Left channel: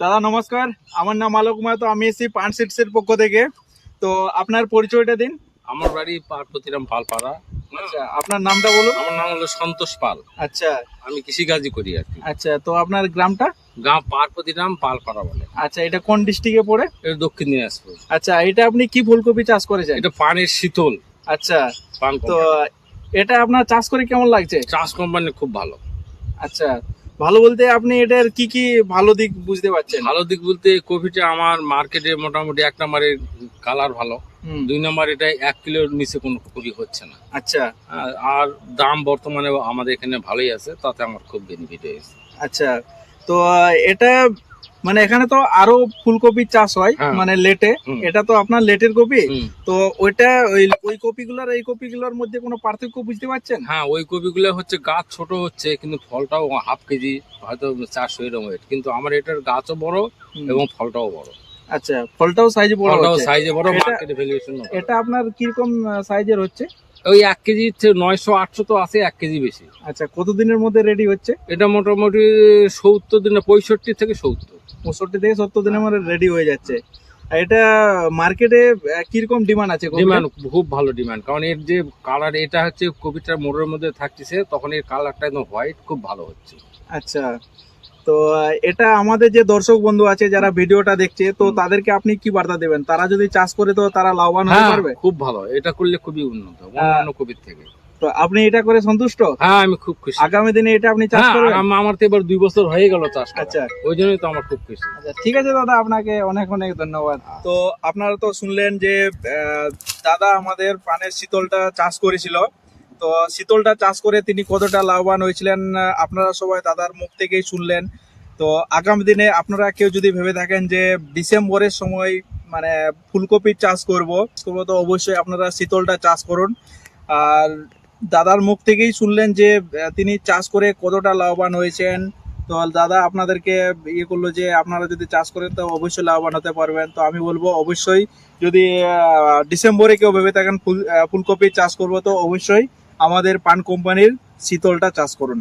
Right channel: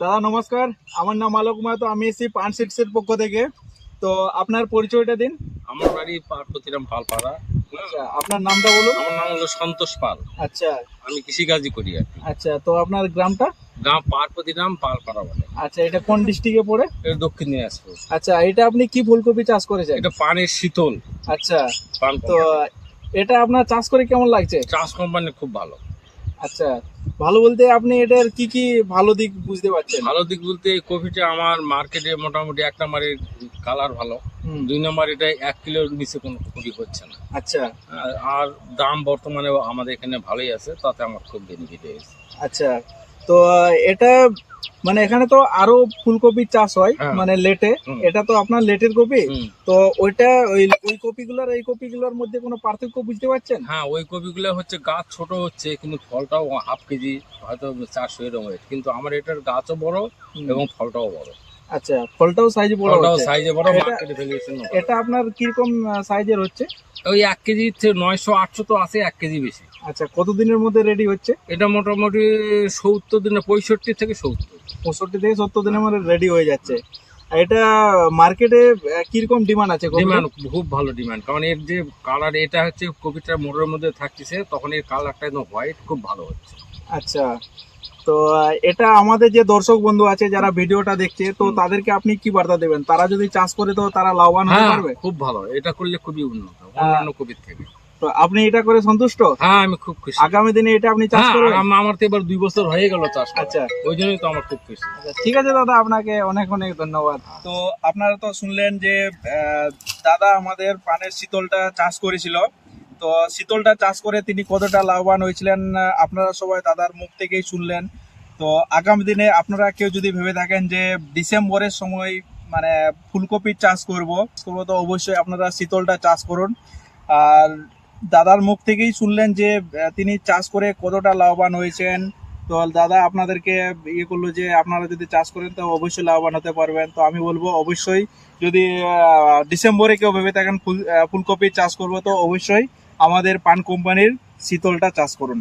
দাদা নমস্কার। আমার নাম আলোক মাহাতো আমি এসেছি পান সিটসের পক্ষ থেকে। তো আপনার পরিচয়টা দিন। আমার বাড়ি পার্বতীরাম পালপাড়া। আচ্ছা আপনার নামটা বলুন। আমার নাম হলো সন্তোষ পাল। আচ্ছা। আমি কৃষিকাজই করি আর কি। আচ্ছা তো আপনার গ্রামটা? গ্রাম পার্বতীরাম পালপাড়া বলে। আচ্ছা এটা কোন ডিস্ট্রিক্টে পড়ে? এটা দক্ষিণ দিনাজপুর। আচ্ছা এটা আপনি কি ফুলকপি চাষ করেছেন? এটা পানির শীতল। আচ্ছা তো এটা আপনার চাষ করে কেমন লাগছে? চাষ কোম্পানি খুব ভালো। আচ্ছা ভালো বলতে আপনি এটার কি কি ভালো দিক বুঝতে পারছেন? ভালো দিক বলতে কপিটা আমার মার্কেটে মোটামুটি এক নম্বরে কালার ভালো। দুই নম্বর এটা এক কিলোর নিচে কোনো কপি হচ্ছে না। আচ্ছা। আর- আর দাম বর্তমানে আমাদের এখানে ভালোই আছে তাতে আমার খুব বেনিফিট হয়েছে। আচ্ছা। তো এটা মানে এখানে তো আরও ফুলকপি চাষ হয় হ্যাঁ। মানে লেটে। এটা তো আপনার লেটের কপি। তো ওইটা ওই ওই কপিগুলোর এই কপিগুলোর মধ্যে কোনো পার্থক্য বুঝতে পারছেন? হ্যাঁ ওই কপিগুলো হচ্ছে গাছ ছোট হচ্ছে কিন্তু ফলটাও হাফ কেজি হয়তো চারশো এরকম। কিন্তু আমার এটার গাছও বড় এবং ফলটাও বড়। আচ্ছা ফলটাও সাইজে বড় হচ্ছে। সাইজে বড় এটা- ভ্যালুয়েশন এটা আপনার কীরকম সাইজের হচ্ছে? ওই এক কেজি নয়শো আটশো তো আছে এক কেজি বেশি। আচ্ছা কতদিনের মধ্যে রেডি হচ্ছে? এটা মোটামুটি সত্তর দিনে পঁয়ষট্টি থেকে সত্তর। পঁয়ষট্টি থেকে সত্তর দিনের মধ্যে রেডি হয়ে যাচ্ছে। এটা মার্কেটে কীরকম ডিমান্ড আছে ডিমান্ড খুব ভালো ডিমান্ড কারণ এর যে কালার এটা হচ্ছে কপিটার মোড়ের মধ্যে থাকতেছে তখন এর কালারটা একদম হোয়াইট খুব ভালো হচ্ছে। আচ্ছা। তো এটা আমাদের যে দর্শক বন্ধু আছে যারা ভিডিওটা দেখছে তো তাদেরকে আপনি কি বার্তা দেবেন? তারা যদি চাষ করে তো তারা লাভবান হতে হ্যাঁ পারবে? খুব ভালো। এটা করলে খুবই উন্নত অন্যান্য কপির থেকে। তো আপনি এটা করে সন্তুষ্ট? হ্যাঁ আমি খুব খুশি। আগামী দিনে এটা আপনি চাষ হ্যাঁ, করবেন? আম- আমার তো এবার দুই বছর হয়ে গেল চাষ আচ্ছা। ওই জন্যই তো আমার খুব খুশি। আচ্ছা ঠিক আছে দাদা আপনাকে অনেক অনেক ধন্যবাদ। তো আপনারা তো শুনলেন যে দাদা আমাদের পানের শীতলটা চাষ করেছিল। তো শীতলটা চাষ করে তিনি কতটা লাভবান হয়েছিলেন আপনারা সবাই দাদার মুখ থেকেই শুনলেন। তো আগামী দিনে আপনারা কেউ যদি ভেবে থাকেন যে ডিসেম্বরের সময় মানে ফুলকপির চাষ করব করব তো অবশ্যই আপনারা শীতলটা চাষ করুন। আর দাদার মুখ থেকেই শুনলেন যে তিনি চাষ করে কতটা লাভবান হয়েছেন। তো দাদা আপনাদেরকে ইয়ে করল যে, আপনারা যদি চাষ করেন তো অবশ্যই লাভবান হতে পারবেন। তো আমি বলব, অবশ্যই যদি ডিসেম্বরে কেউ ভেবে থাকেন ফুল ফুলকপি চাষ করব, তো অবশ্যই আমাদের পান কোম্পানির শীতলটা চাষ করুন।